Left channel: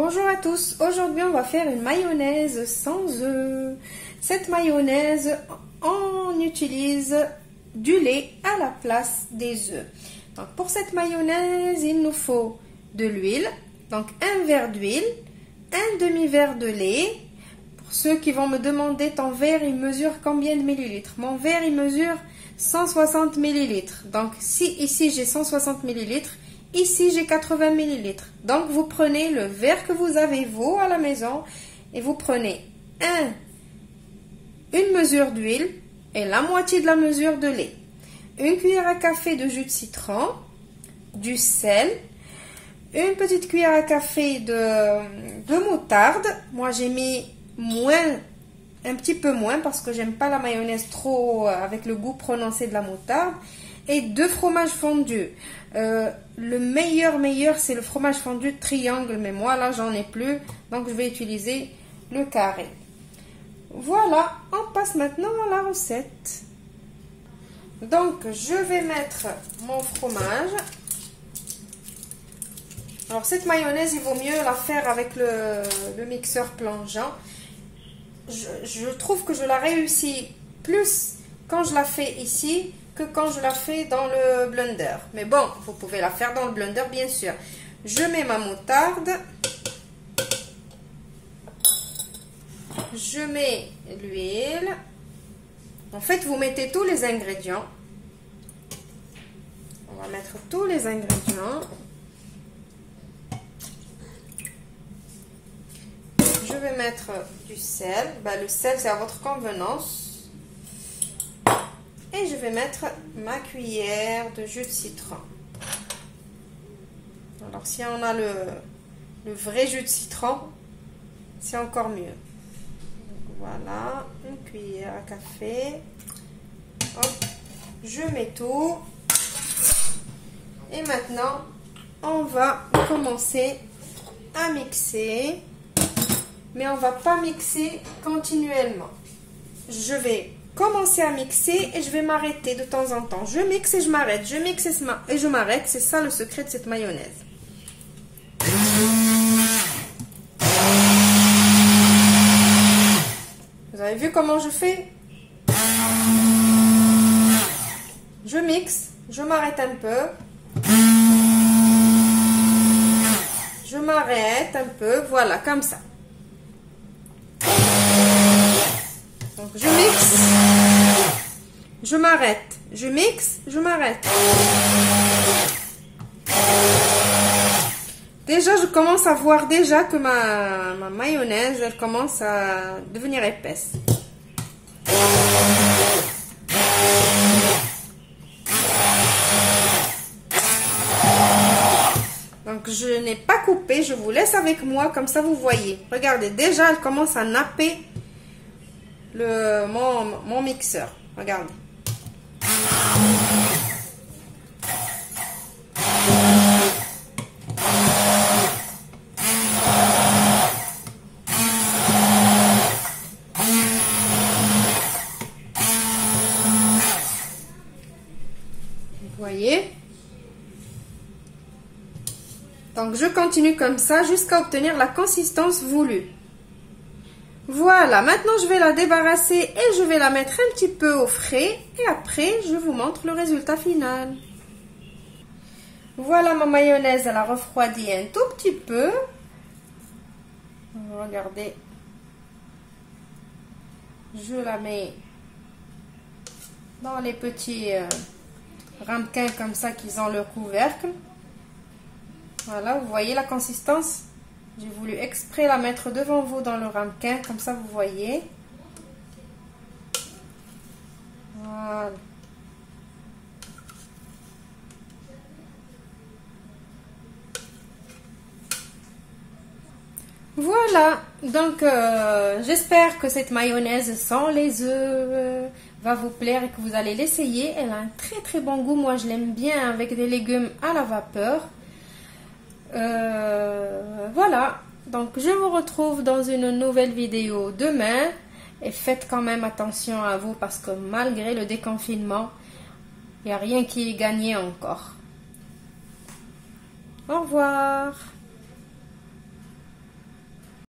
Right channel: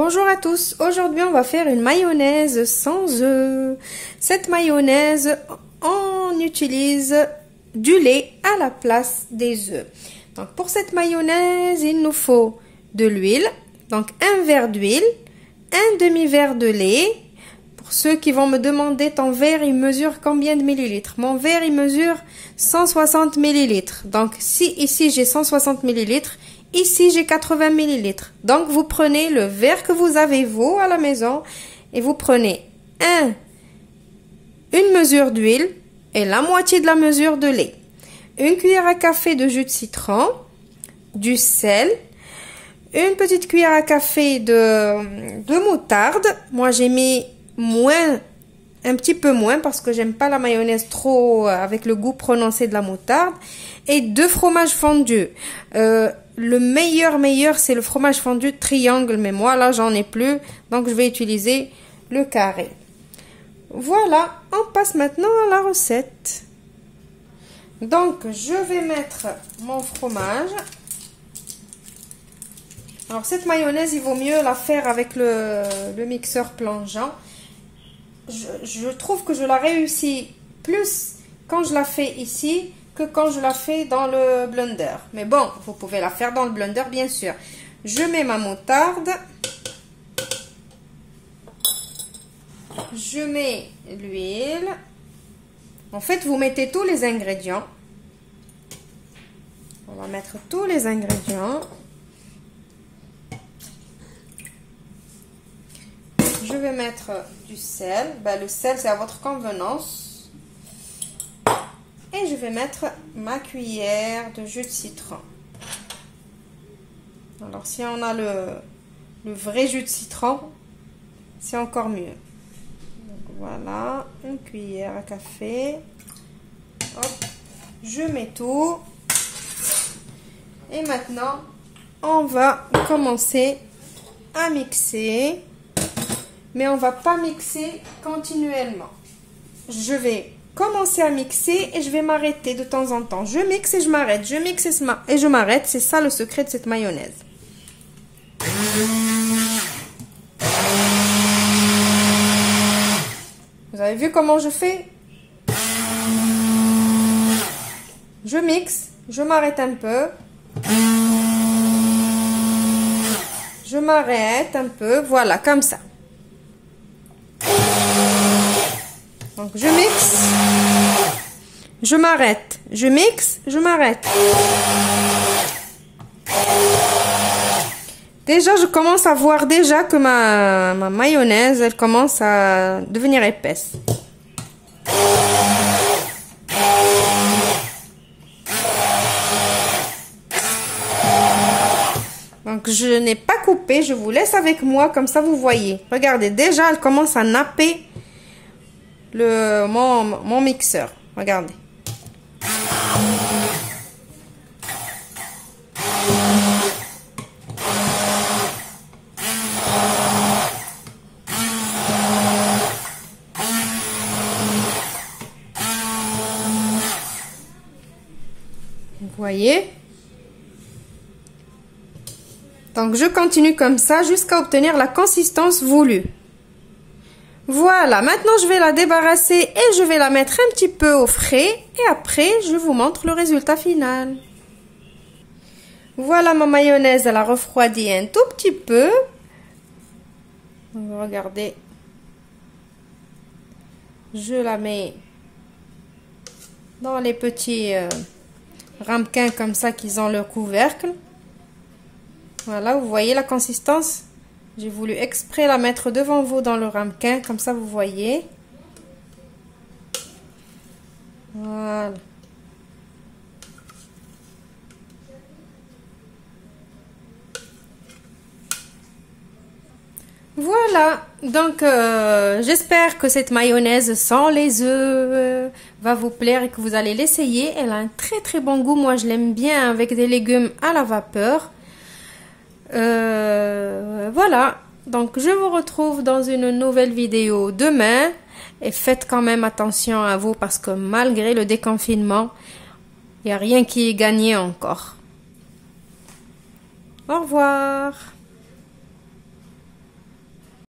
Bonjour à tous, aujourd'hui on va faire une mayonnaise sans œufs. Cette mayonnaise, on utilise du lait à la place des œufs. Donc pour cette mayonnaise, il nous faut de l'huile, donc un verre d'huile, un demi-verre de lait. Pour ceux qui vont me demander ton verre, il mesure combien de millilitres? Mon verre, il mesure 160 millilitres. Donc si ici j'ai 160 millilitres, ici, j'ai 80 millilitres. Donc, vous prenez le verre que vous avez, vous, à la maison, et vous prenez une mesure d'huile et la moitié de la mesure de lait. Une cuillère à café de jus de citron, du sel, une petite cuillère à café de moutarde. Moi, j'ai mis un petit peu moins parce que j'aime pas la mayonnaise trop avec le goût prononcé de la moutarde. Et 2 fromages fondus. Le meilleur, c'est le fromage fondu triangle, mais moi, là, j'en ai plus. Donc, je vais utiliser le carré. Voilà, on passe maintenant à la recette. Donc, je vais mettre mon fromage. Alors, cette mayonnaise, il vaut mieux la faire avec le mixeur plongeant. Je trouve que je la réussis plus quand je la fais ici que quand je la fais dans le blender. Mais bon, vous pouvez la faire dans le blender, bien sûr. Je mets ma moutarde. Je mets l'huile. En fait, vous mettez tous les ingrédients. On va mettre tous les ingrédients. Je vais mettre du sel. Ben, le sel, c'est à votre convenance. Et je vais mettre ma cuillère de jus de citron. Alors, si on a le vrai jus de citron, c'est encore mieux. Donc, voilà, une cuillère à café. Hop, je mets tout. Et maintenant, on va commencer à mixer. Mais on ne va pas mixer continuellement. Je vais commencer à mixer et je vais m'arrêter de temps en temps. Je mixe et je m'arrête, je mixe et je m'arrête. C'est ça le secret de cette mayonnaise. Vous avez vu comment je fais? Je mixe, je m'arrête un peu. Je m'arrête un peu, voilà, comme ça. Donc, je mixe, je m'arrête, je mixe, je m'arrête. Déjà, je commence à voir déjà que ma mayonnaise, elle commence à devenir épaisse. Donc, je n'ai pas coupé, je vous laisse avec moi, comme ça vous voyez. Regardez, déjà, elle commence à napper mon mixeur. Regardez. Vous voyez? Donc, je continue comme ça jusqu'à obtenir la consistance voulue. Voilà, maintenant je vais la débarrasser et je vais la mettre un petit peu au frais. Et après, je vous montre le résultat final. Voilà ma mayonnaise, elle a refroidi un tout petit peu. Regardez. Je la mets dans les petits ramequins comme ça qu'ils ont le couvercle. Voilà, vous voyez la consistance? J'ai voulu exprès la mettre devant vous dans le ramequin, comme ça vous voyez. Voilà. Voilà, donc j'espère que cette mayonnaise sans les œufs va vous plaire et que vous allez l'essayer. Elle a un très bon goût, moi je l'aime bien avec des légumes à la vapeur. Voilà, donc je vous retrouve dans une nouvelle vidéo demain et faites quand même attention à vous parce que malgré le déconfinement, il n'y a rien qui est gagné encore. Au revoir.